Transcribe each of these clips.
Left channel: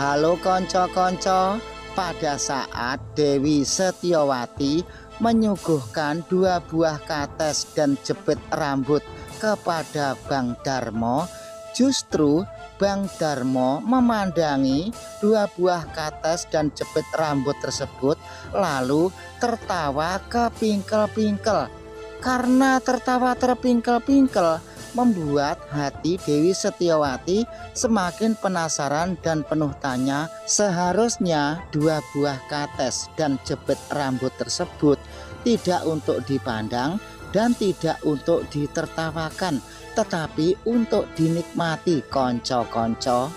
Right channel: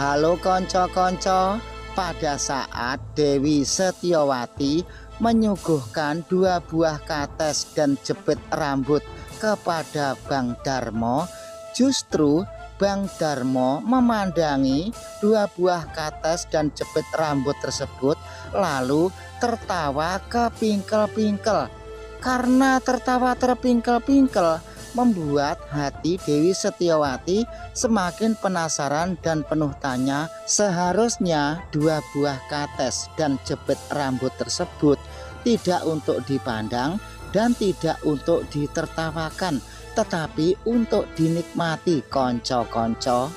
Halo konco-konco, pada saat Dewi Setiawati menyuguhkan 2 buah kates dan jepit rambut kepada Bang Darmo, justru Bang Darmo memandangi 2 buah kates dan jepit rambut tersebut lalu tertawa kepingkel-pingkel. Karena tertawa terpingkel-pingkel membuat hati Dewi Setiawati semakin penasaran dan penuh tanya. Seharusnya 2 buah kates dan jepit rambut tersebut tidak untuk dipandang dan tidak untuk ditertawakan, tetapi untuk dinikmati konco-konco.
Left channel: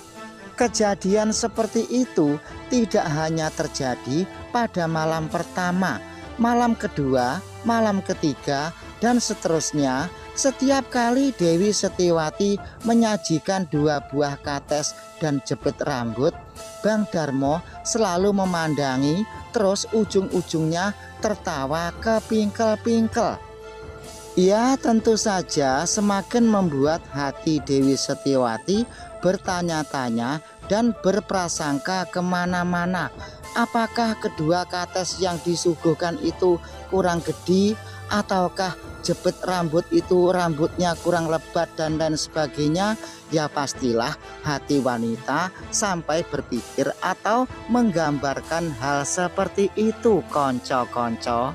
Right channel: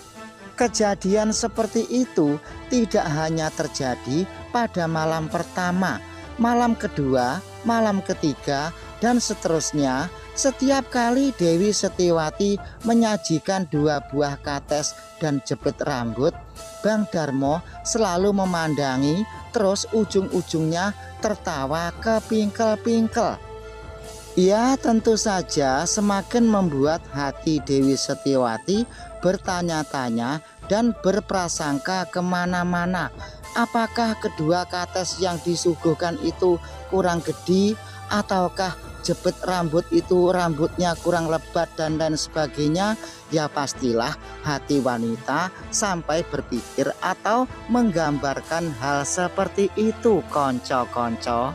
Kejadian seperti itu tidak hanya terjadi pada malam pertama, malam kedua, malam ketiga, dan seterusnya. Setiap kali Dewi Setiawati menyajikan 2 buah kates dan jepit rambut, Bang Darmo selalu memandangi, terus ujung-ujungnya tertawa kepingkel-pingkel. Ya, tentu saja semakin membuat hati Dewi Setiawati bertanya-tanya dan berprasangka kemana-mana. Apakah kedua kates yang disuguhkan itu kurang gede, ataukah jepit rambut itu rambutnya kurang lebat dan lain sebagainya? Ya pastilah hati wanita sampai berpikir atau menggambarkan hal seperti itu konco-konco.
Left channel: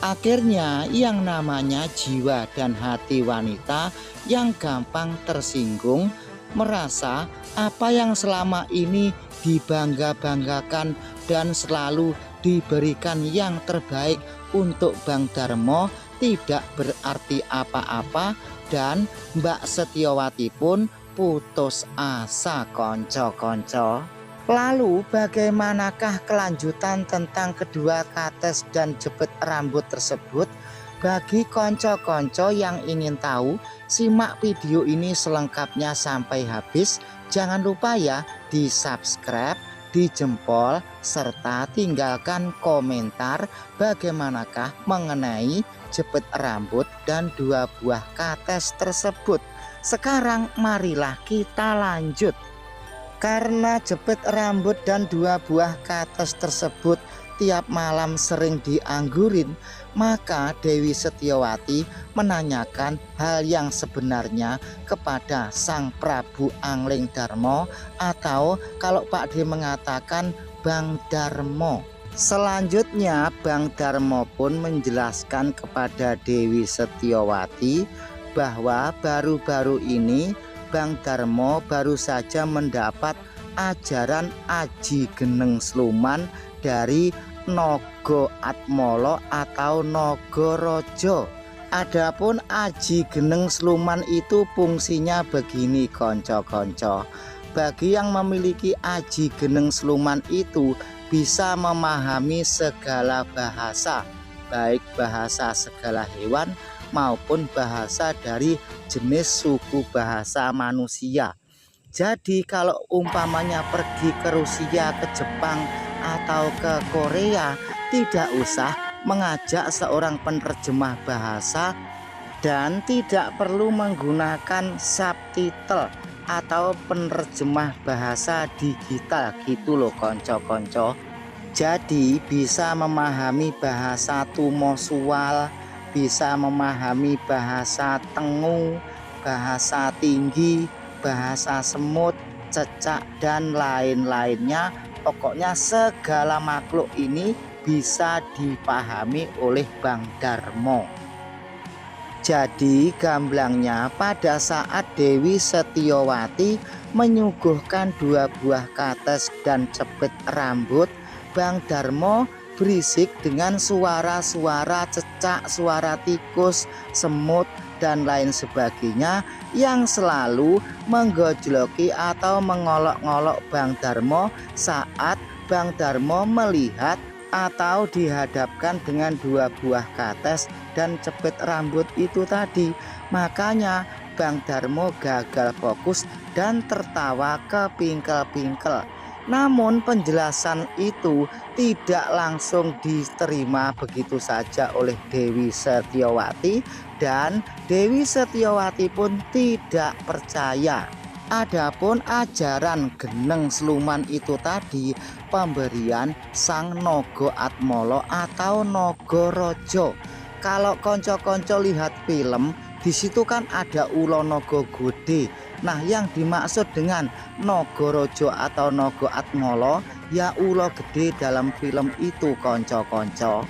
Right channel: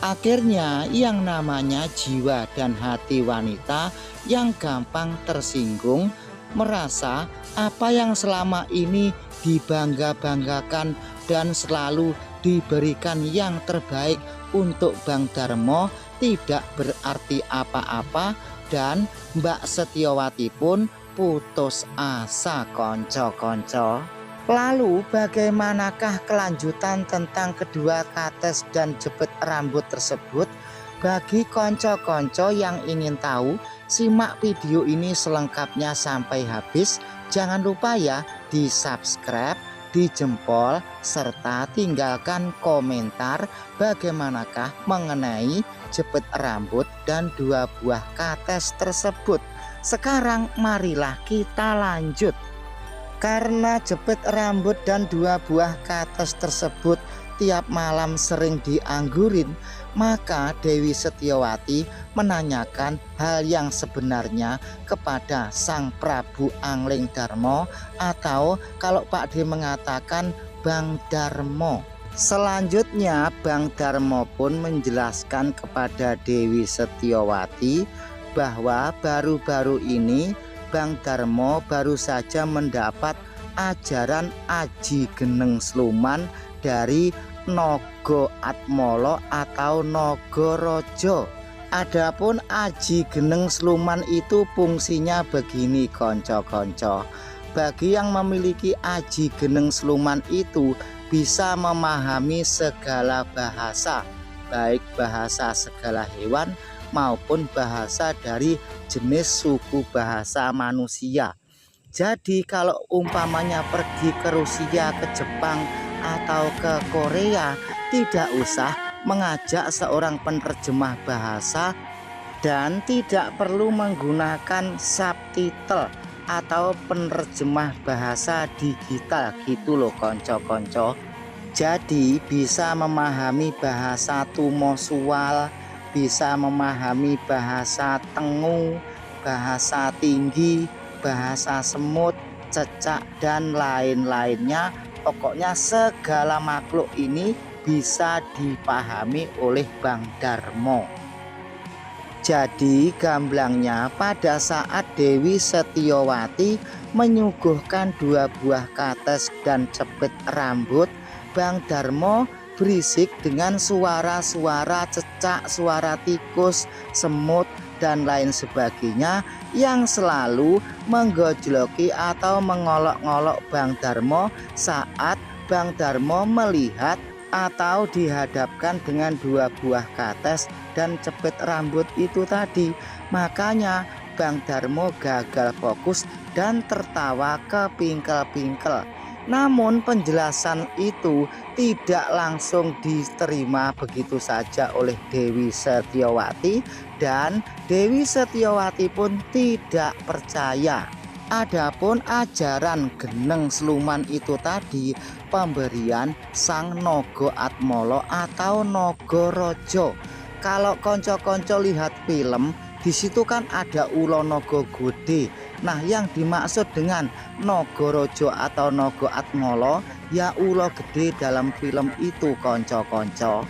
Akhirnya yang namanya jiwa dan hati wanita yang gampang tersinggung, merasa apa yang selama ini dibangga-banggakan dan selalu diberikan yang terbaik untuk Bang Darmo tidak berarti apa-apa, dan Mbak Setiawati pun putus asa konco-konco. Lalu bagaimanakah kelanjutan tentang kedua kates dan jepit rambut tersebut? Bagi konco-konco yang ingin tahu, simak video ini selengkapnya sampai habis. Jangan lupa ya di subscribe, di jempol, serta tinggalkan komentar bagaimanakah mengenai jepit rambut dan 2 buah kates tersebut. Sekarang marilah kita lanjut. Karena jepit rambut dan 2 buah kates tersebut tiap malam sering dianggurin, maka Dewi Setiawati menanyakan hal yang sebenarnya kepada Sang Prabu Angling Darmo, atau kalau Pak D mengatakan Bang Darmo. Selanjutnya Bang Darmo pun menjelaskan kepada Dewi Setiawati bahwa baru-baru ini Bang Darmo baru saja mendapat ajaran Aji Geneng Sluman dari Nogo Atmolo atau Nogorojo. Adapun Aji Geneng Sluman itu fungsinya begini konco-konco. Bagi yang memiliki Aji Geneng Sluman itu bisa memahami segala bahasa, baik bahasa segala hewan maupun bahasa dari jenis suku bahasa manusia. Jadi kalau umpamanya pergi ke Rusia, ke Jepang, atau ke Korea, tidak usah mengajak seorang penerjemah bahasa dan tidak perlu menggunakan subtitle atau penerjemah bahasa digital gitu loh konco-konco. Jadi bisa memahami bahasa tumosual, bisa memahami bahasa tengu, bahasa tinggi, bahasa semut, cecak, dan lain-lainnya. Pokoknya segala makhluk ini bisa dipahami oleh Bang Darmo. Jadi gamblangnya pada saat Dewi Setiawati menyuguhkan 2 buah kates dan jepit rambut, Bang Darmo berisik dengan suara-suara cecak, suara tikus, semut, dan lain sebagainya yang selalu menggojloki atau mengolok-ngolok Bang Darmo saat Bang Darmo melihat atau dihadapkan dengan 2 buah kates dan jepit rambut itu tadi. Makanya Bang Darmo gagal fokus dan tertawa kepingkel-pingkel. Namun penjelasan itu tidak langsung diterima begitu saja oleh Dewi Setiawati, dan Dewi Setiawati pun tidak percaya. Adapun ajaran Geneng Sluman itu tadi pemberian Sang Naga Atmala atau Nagaraja. Kalau konco-konco lihat film, di situ kan ada ula naga gede. Nah, yang dimaksud dengan Nagaraja atau Naga Atmala ya ula gede dalam film itu, konco-konco.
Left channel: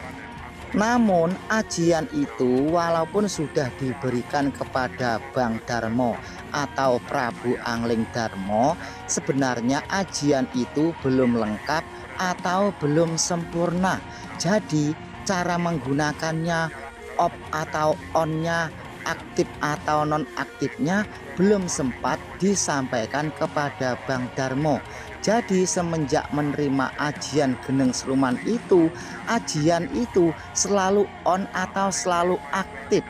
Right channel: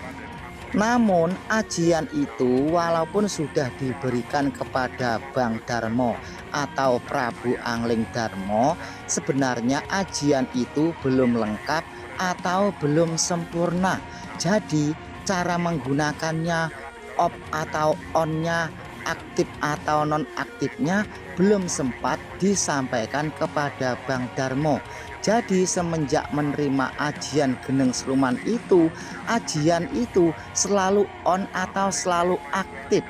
Namun ajian itu walaupun sudah diberikan kepada Bang Darmo atau Prabu Angling Darmo, sebenarnya ajian itu belum lengkap atau belum sempurna. Jadi cara menggunakannya, off atau onnya, aktif atau nonaktifnya belum sempat disampaikan kepada Bang Darmo. Jadi semenjak menerima ajian Geneng Sluman itu, ajian itu selalu on atau selalu aktif.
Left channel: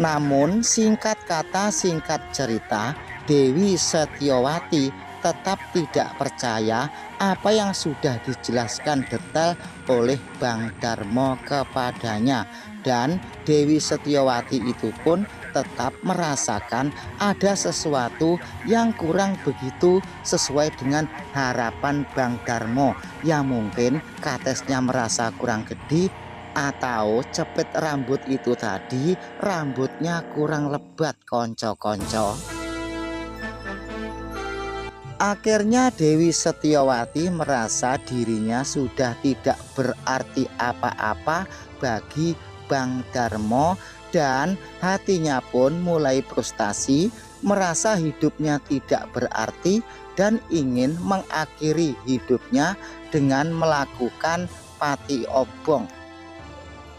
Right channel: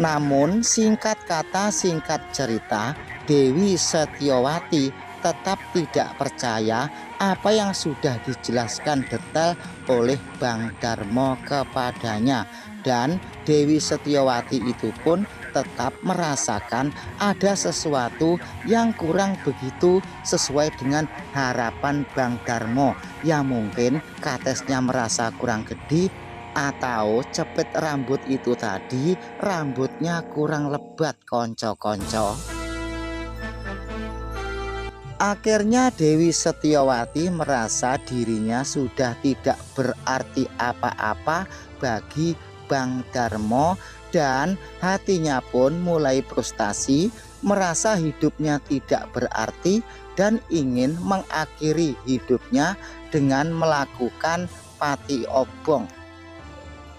Namun singkat kata singkat cerita, Dewi Setyowati tetap tidak percaya apa yang sudah dijelaskan detail oleh Bang Darmo kepadanya. Dan Dewi Setyowati itu pun tetap merasakan ada sesuatu yang kurang begitu sesuai dengan harapan Bang Darmo. Ya mungkin katesnya merasa kurang gede, atau cepit rambut itu tadi rambutnya kurang lebat, konco-konco. Akhirnya Dewi Setyowati merasa dirinya sudah tidak berarti apa-apa bagi Bang Darmo dan hatinya pun mulai frustasi, merasa hidupnya tidak berarti dan ingin mengakhiri hidupnya dengan melakukan pati obong.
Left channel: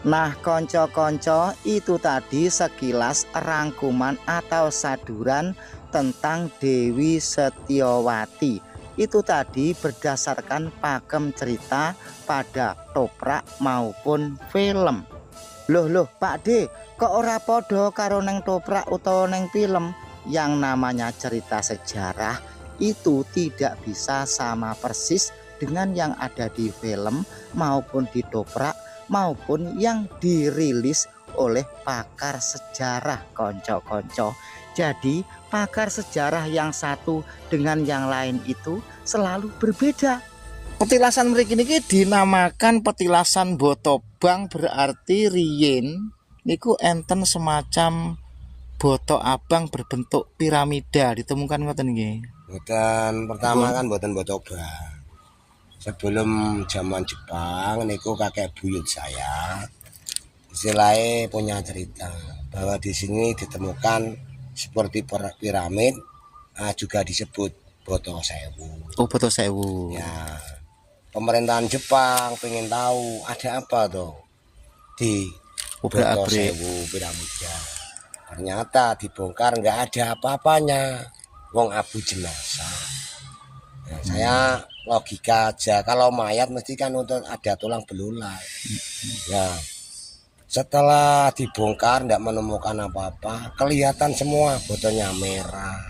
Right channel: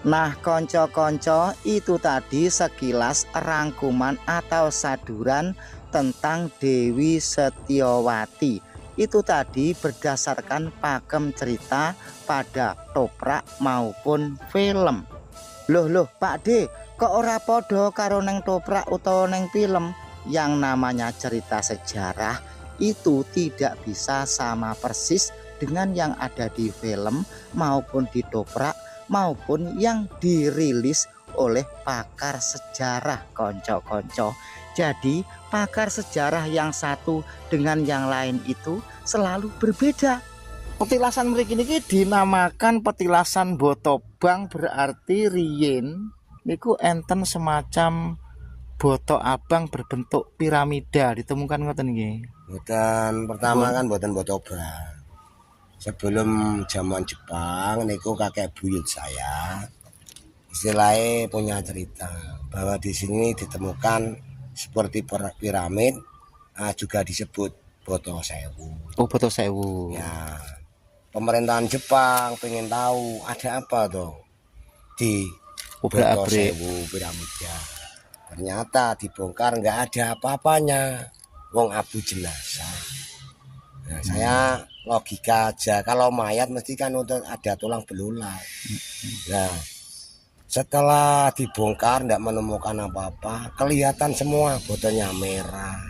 Nah, konco-konco, itu tadi sekilas rangkuman atau saduran tentang Dewi Setyowati. Itu tadi berdasarkan pakem cerita pada toprak maupun film. Loh Pak D, kok ora podo karo neng toprak utawa neng film? Yang namanya cerita sejarah itu tidak bisa sama persis dengan yang ada di film maupun di toprak maupun yang dirilis oleh pakar sejarah, konco-konco. Jadi pakar sejarah yang satu dengan yang lain itu selalu berbeda. Petilasan mriki niki dinamakan petilasan Botobang, berarti riyin niku enten semacam boto abang berbentuk piramida ditemukan ngoten nggih. Boten pertama kan boten Botobang. Sebelum zaman Jepang niku kakek buyut saya istilahnya punya cerita bahwa di sini ditemukan seperti piramid, juga disebut Boto Sewu. Oh, Boto Sewu. Ya, pemerintahan Jepang pengen tahu ada apa tuh di Boto Sewu piramidnya. Ternyata dibongkar nggak ada apa-apanya, wong abu jenazah. Nah, saya logika aja, kalau mayat mesti kan ada tulang belulang. Nah, setelah dibongkar tidak menemukan apa-apa, kelihatan semua botolnya merah.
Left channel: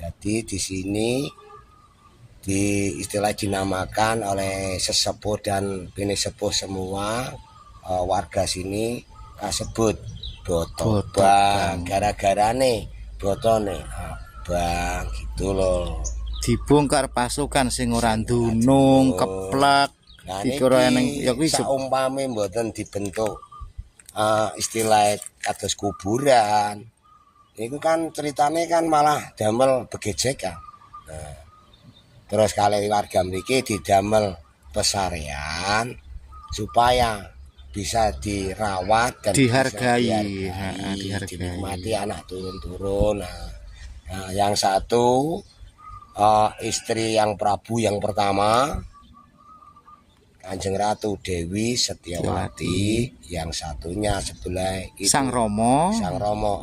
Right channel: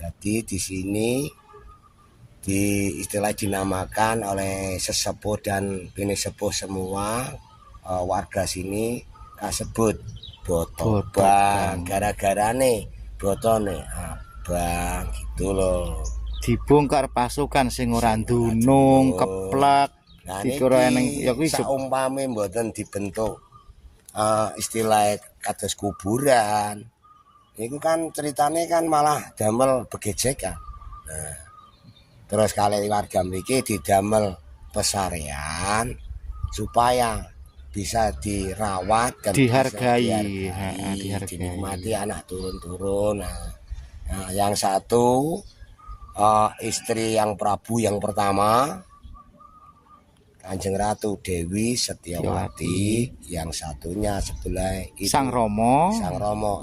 Jadi di sini di istilah dinamakan oleh sesepuh dan bini sepuh semua warga sini kasebut Botobang. Gara-gara nih botone abang gitu loh. Dibongkar pasukan sing ora ndunung keplak dikira eneng ya kuwi saumpame mboten dibentuk istilah kados kuburan. Itu kan ceritanya kan malah damel begejekan. Nah, terus kali warga mriki didamel pesarian supaya bisa dirawat dan dihargai, dinikmati anak turun-turun. Nah, yang satu istri yang Prabu yang pertama Kanjeng Ratu Dewi Setyowati, yang satunya sebelah itu Sang Romo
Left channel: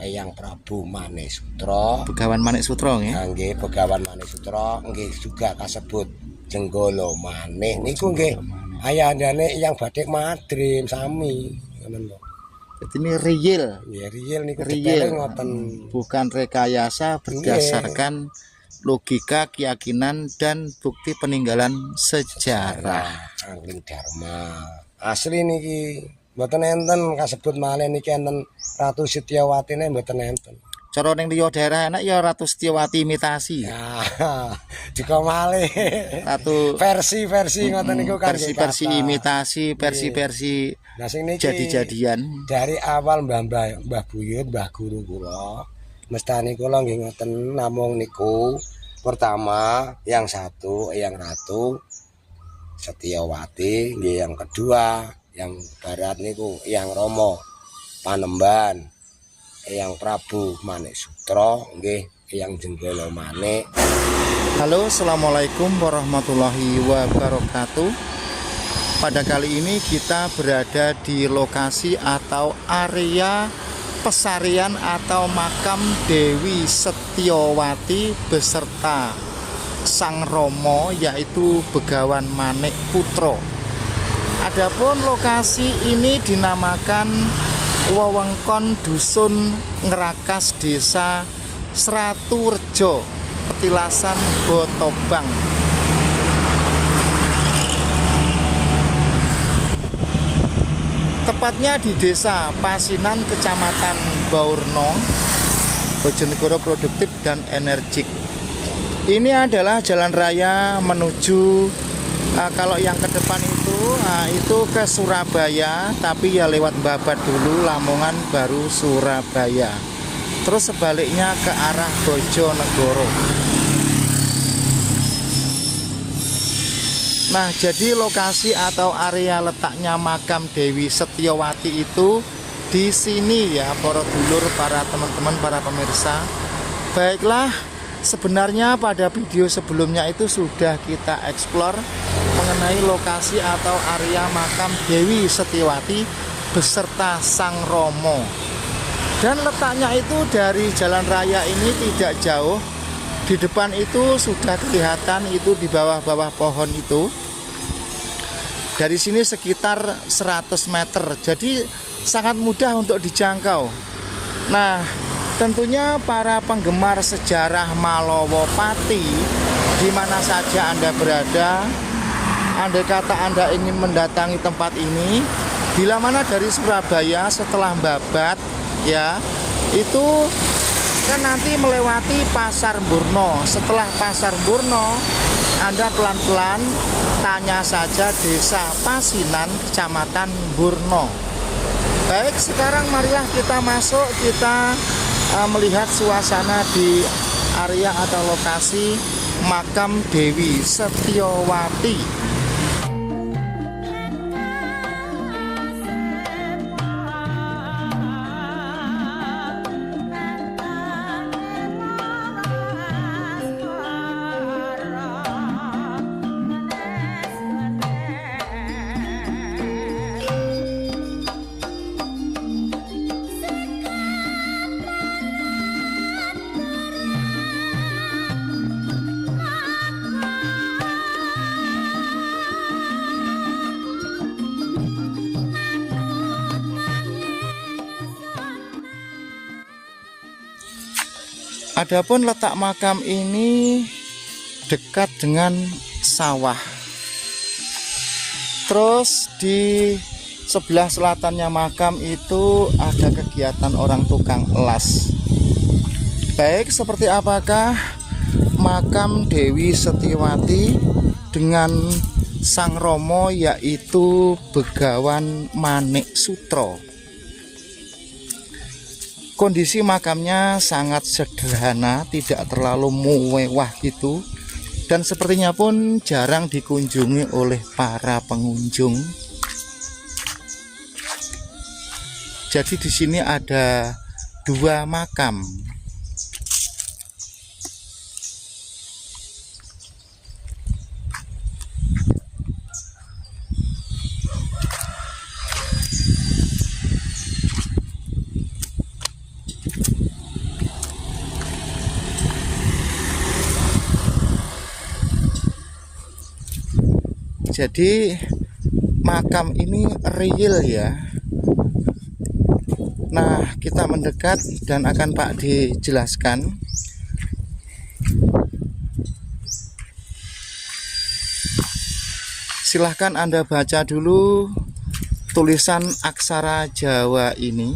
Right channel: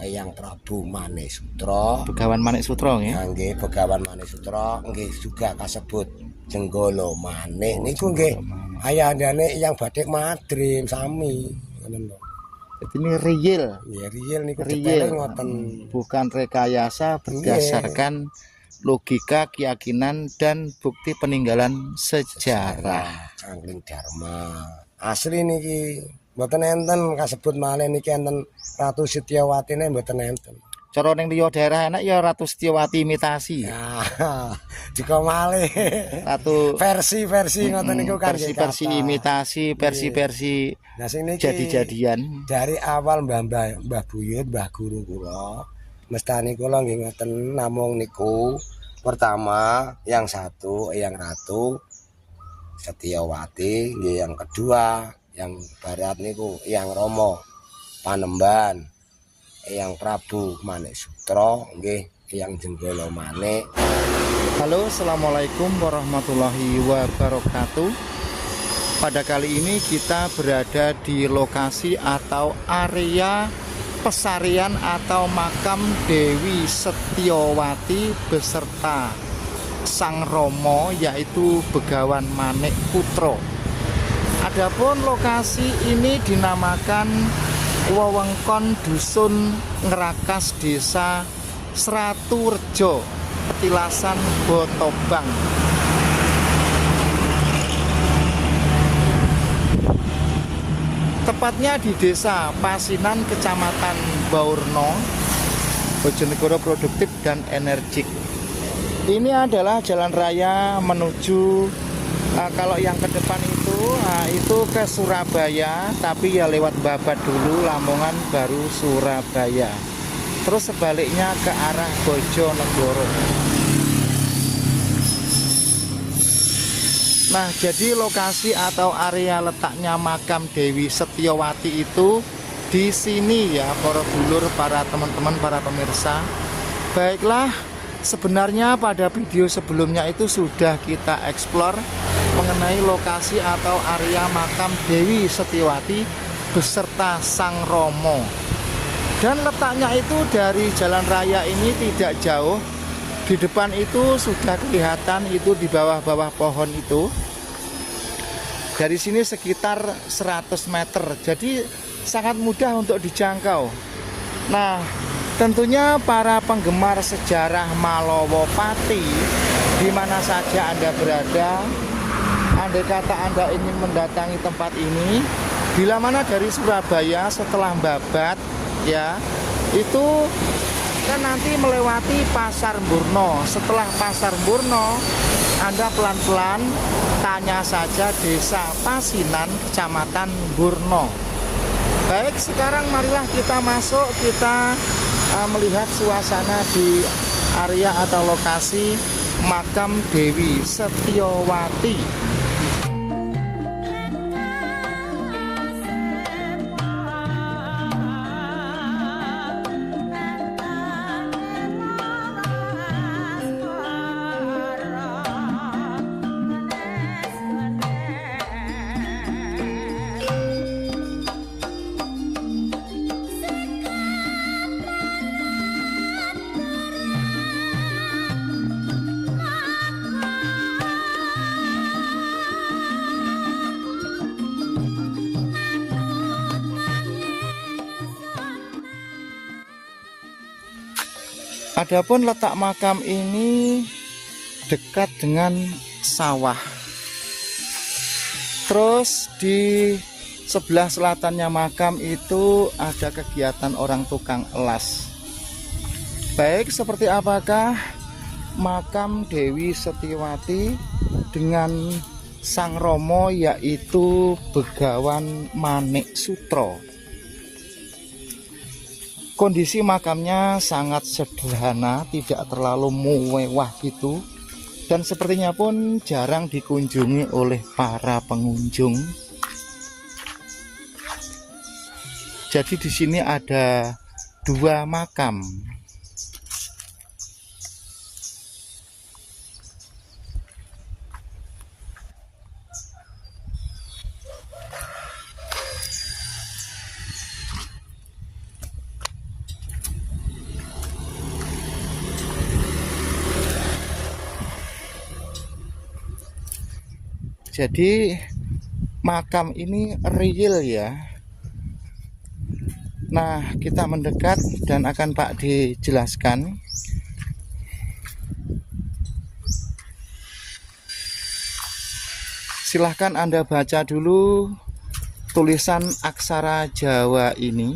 yang Prabu Manesutro, Begawan Manesutro nggih. Nggih, Begawan Manesutro nggih juga kasebut Jenggolo Manik niku nggih ayandane yang Badik Madrim sami ngoten lho. Jadi ini real. Ya real niku ngoten. Bukan rekayasa, berdasarkan logika, keyakinan dan bukti peninggalan sejarah. Angling Dharma. Asli niki mboten enten kasebut malih niki enten Ratu Setyowati ne mboten enten. Cara ning liya daerah enak ya Ratu Setiawati imitasi. Ya, dikomale. Ratu Versi-versi ngoten niku kan versi imitasi, versi-versi nah sing niki jadi-jadian. dari awal Mbah Buyut, Mbah Guru kula, mestani kula nggih ngoten namung niku. Pertama, yang satu Eyang Ratu Setiawati, nggih yang kedua, yang barat niku Eyang Rama Panembahan. Eyang Prabu Manik Sutro, nggih Eyang Jenggala Manik. Halo, assalamualaikum warahmatullahi wabarakatuh. Pada kali ini kita berada di lokasi atau area pesarian atau makam Dewi Setiawati beserta Sang Romo, yaitu Begawan Manik Putro. Adapun lokasi ini dinamakan wewengkon Dusun Ngerakas, Desa Sraturejo, Petilasan Botobang. Tepatnya di Desa Pasinan, Kecamatan Baurno, Bojonegoro produktif dan energik. Ini adalah jalan raya menuju kalau yang ke depan itu ke Surabaya, tapi ya lewat Babat dulu, Lamongan baru Surabaya. Terus sebaliknya ke arah Bojonegoro. Nah, jadi lokasi atau area letaknya makam Dewi Setiawati itu di sini ya, para dulur, para teman-teman, para pemirsa. Baiklah, sebenarnya pada video sebelumnya itu sudah kita eksplor mengenai lokasi atau area makam Dewi Setiawati beserta Sang Romo. Dan letaknya itu dari jalan raya ini tidak jauh. Di depan itu sudah kelihatan itu di bawah-bawah pohon itu. Dari sini sekitar 100 meter. Jadi sangat mudah untuk dijangkau. Nah, tentunya para penggemar sejarah Malowopati, di mana saja Anda berada, andai kata Anda ingin mendatangi tempat ini, bila mana dari Surabaya setelah Babat ya, itu kan nanti melewati Pasar Burno. Setelah Pasar Burno, Anda pelan-pelan tanya saja Desa Pasinan, Kecamatan Burno. Baik, sekarang marilah kita masuk, kita melihat suasana di area atau lokasi makam Dewi Setiawati. Adapun letak makam ini dekat dengan sawah. Terus di sebelah selatannya makam itu ada kegiatan orang tukang elas. Baik, seperti apakah makam Dewi Setiawati dengan Sang Romo, yaitu Begawan Manik Sutro? Kondisi makamnya sangat sederhana, tidak terlalu mewah gitu, dan sepertinya pun jarang dikunjungi oleh para pengunjung. Jadi di sini ada 2 makam. Jadi makam ini real ya. Nah, kita mendekat dan akan Pak dijelaskan. Silahkan Anda baca dulu tulisan aksara Jawa ini.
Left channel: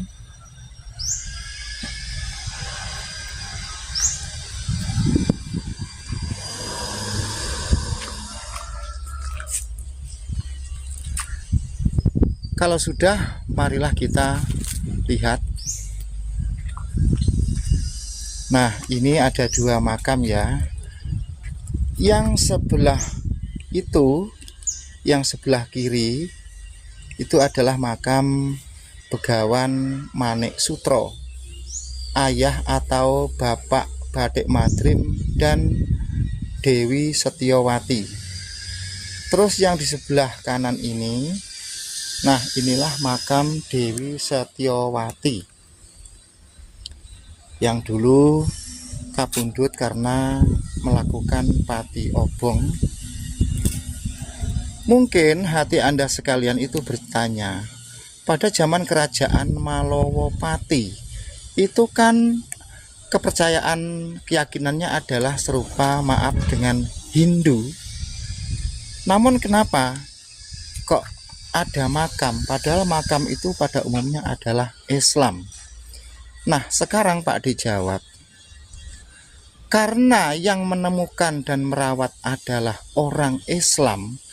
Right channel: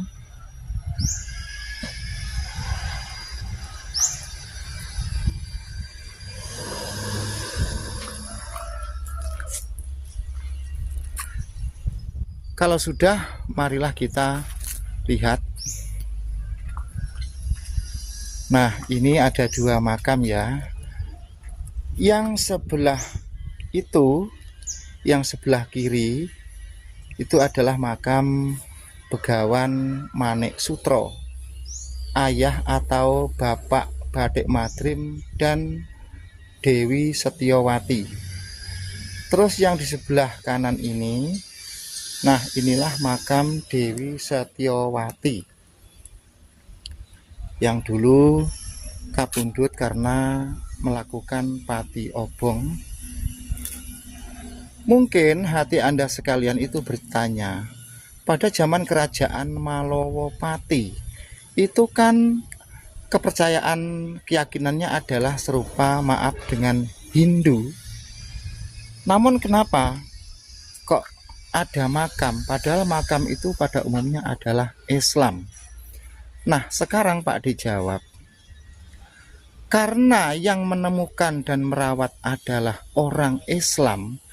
Kalau sudah, marilah kita lihat. Nah, ini ada 2 makam ya. Yang sebelah itu, yang sebelah kiri itu adalah makam Begawan Manik Sutro, ayah atau bapak Badik Madrim dan Dewi Setiawati. Terus yang di sebelah kanan ini, nah inilah makam Dewi Setiawati yang dulu kapundhut karena melakukan pati obong. Mungkin hati Anda sekalian itu bertanya, pada zaman kerajaan Malowopati itu kan kepercayaan keyakinannya adalah serupa maaf dengan Hindu. Namun kenapa kok ada makam, padahal makam itu pada umumnya adalah Islam? Nah, sekarang Pak dijawab, karena yang menemukan dan merawat adalah orang Islam,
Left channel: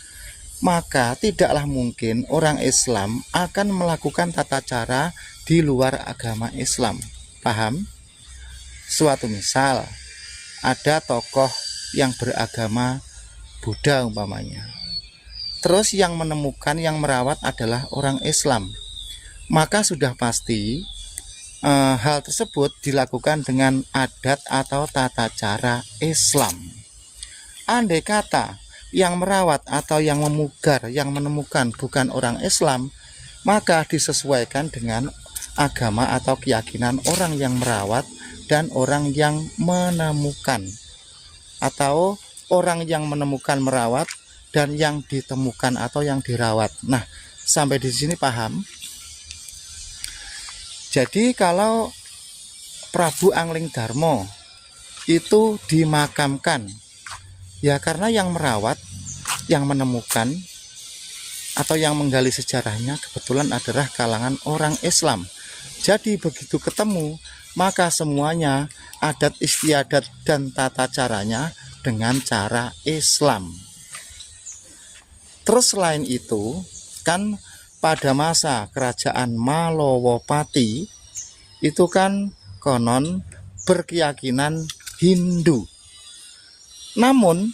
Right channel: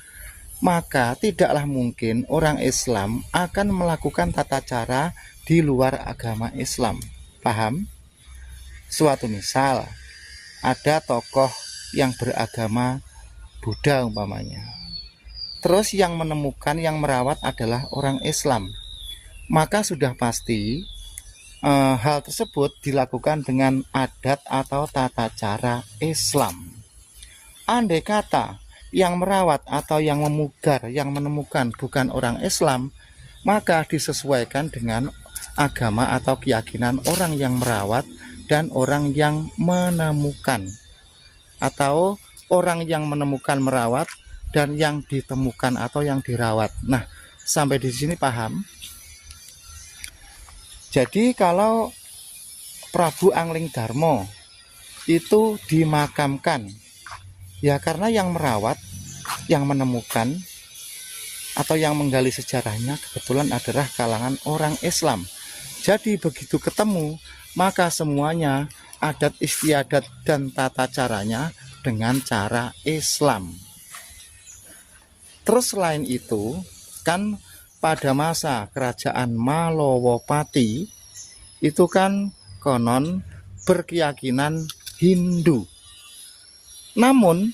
maka tidaklah mungkin orang Islam akan melakukan tata cara di luar agama Islam. Paham? Suatu misal, ada tokoh yang beragama Buddha umpamanya, terus yang menemukan, yang merawat adalah orang Islam, maka sudah pasti hal tersebut dilakukan dengan adat atau tata cara Islam. Andai kata yang merawat atau yang memugar, yang menemukan bukan orang Islam, maka disesuaikan dengan agama atau keyakinan orang yang merawat dan orang yang menemukan, atau orang yang menemukan merawat dan yang ditemukan atau yang dirawat. Nah, sampai di sini paham? Jadi kalau Prabu Angling Darmo itu dimakamkan, ya karena yang merawat, yang menemukan atau yang menggali sejarahnya kebetulan adalah kalangan orang Islam. Jadi begitu ketemu, maka semuanya adat istiadat dan tata caranya dengan cara Islam. Terus selain itu, kan pada masa kerajaan Malowopati itu kan konon berkeyakinan Hindu. Namun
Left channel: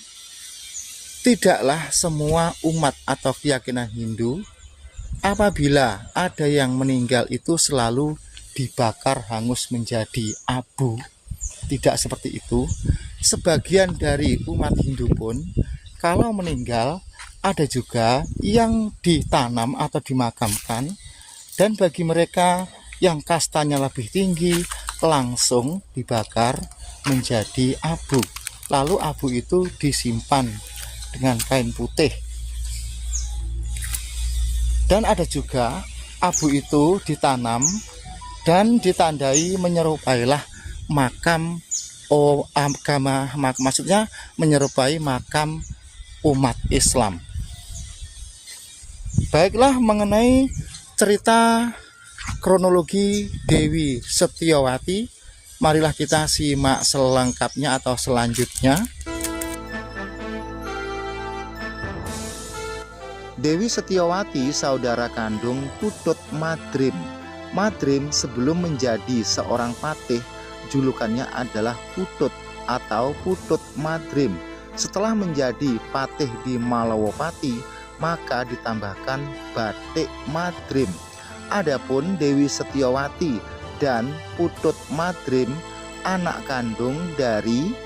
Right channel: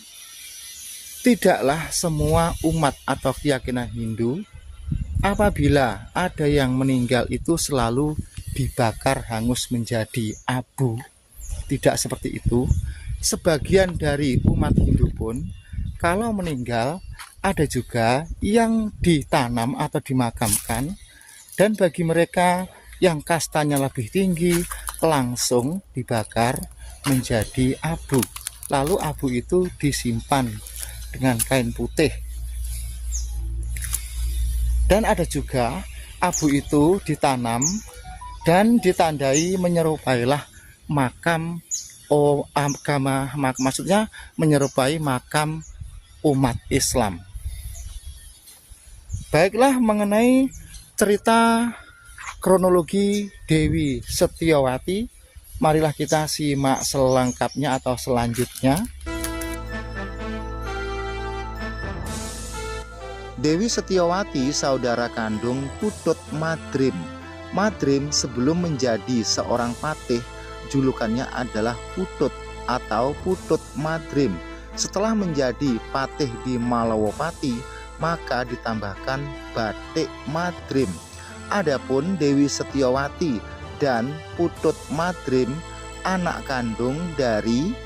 tidaklah semua umat atau keyakinan Hindu apabila ada yang meninggal itu selalu dibakar hangus menjadi abu. Tidak seperti itu. Sebagian dari umat Hindu pun kalau meninggal ada juga yang ditanam atau dimakamkan, dan bagi mereka yang kastanya lebih tinggi langsung dibakar menjadi abu. Lalu abu itu disimpan dengan kain putih. Dan ada juga abu itu ditanam dan ditandai menyerupailah makam agama, maksudnya menyerupai makam umat Islam. Baiklah, mengenai cerita kronologi Dewi Setiawati, marilah kita simak selengkapnya atau selanjutnya. Dewi Setiawati saudara kandung Putut Madrim. Madrim sebelum menjadi seorang patih, julukannya adalah Putut atau Putut Madrim. Setelah menjadi patih di Malowopati, maka ditambahkan Badik Madrim. Adapun Dewi Setiawati dan Putut Madrim anak kandung dari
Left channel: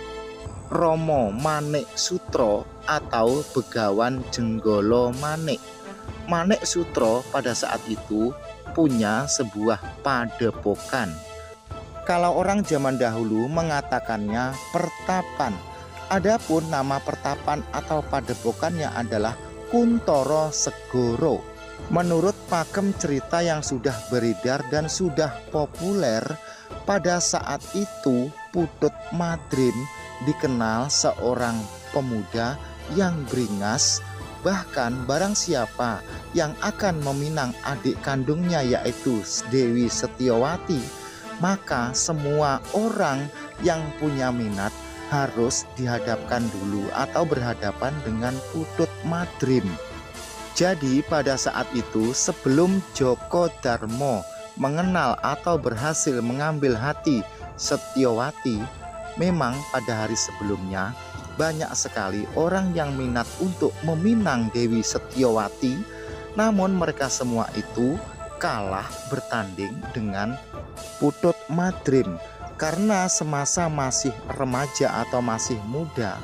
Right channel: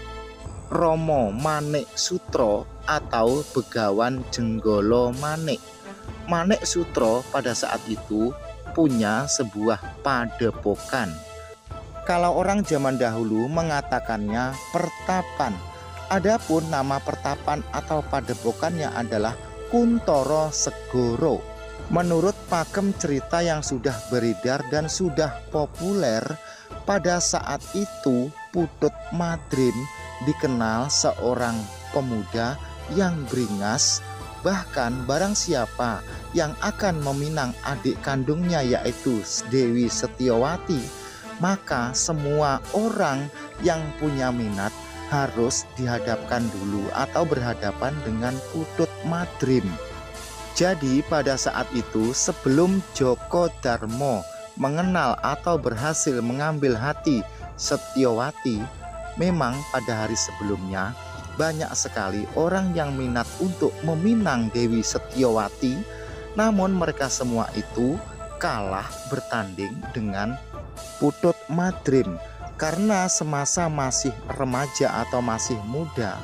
Romo Manik Sutro atau Begawan Jenggolo Manik. Manik Sutro pada saat itu punya sebuah padepokan. Kalau orang zaman dahulu mengatakannya pertapan. Adapun nama pertapan atau padepokannya adalah Kuntoro Segoro. Menurut pakem cerita yang sudah beredar dan sudah populer, pada saat itu Putut Madrim dikenal seorang pemuda yang beringas. Bahkan barang siapa yang akan meminang adik kandungnya yaitu Dewi Setiawati, maka semua orang yang punya minat harus dihadapkan dulu atau berhadapan dengan Putut Madrim. Jadi pada saat itu sebelum Joko Darmo mengenal atau berhasil mengambil hati Setyowati, memang pada hari sebelumnya banyak sekali orang yang minat untuk meminang Dewi Setyowati, namun mereka semua itu kalah bertanding dengan Putut Madrim. Karena semasa masih remaja atau masih muda,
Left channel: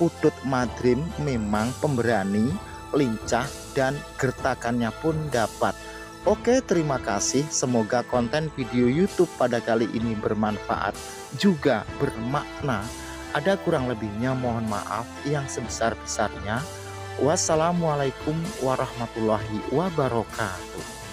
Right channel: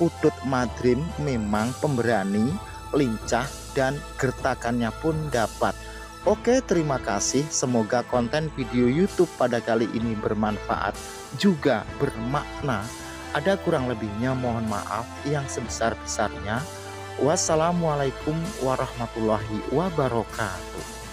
Putut Madrim memang pemberani, lincah, dan gertakannya pun dapat. Oke, terima kasih. Semoga konten video YouTube pada kali ini bermanfaat juga bermakna. Ada kurang lebihnya mohon maaf yang sebesar-besarnya. Wassalamualaikum warahmatullahi wabarakatuh.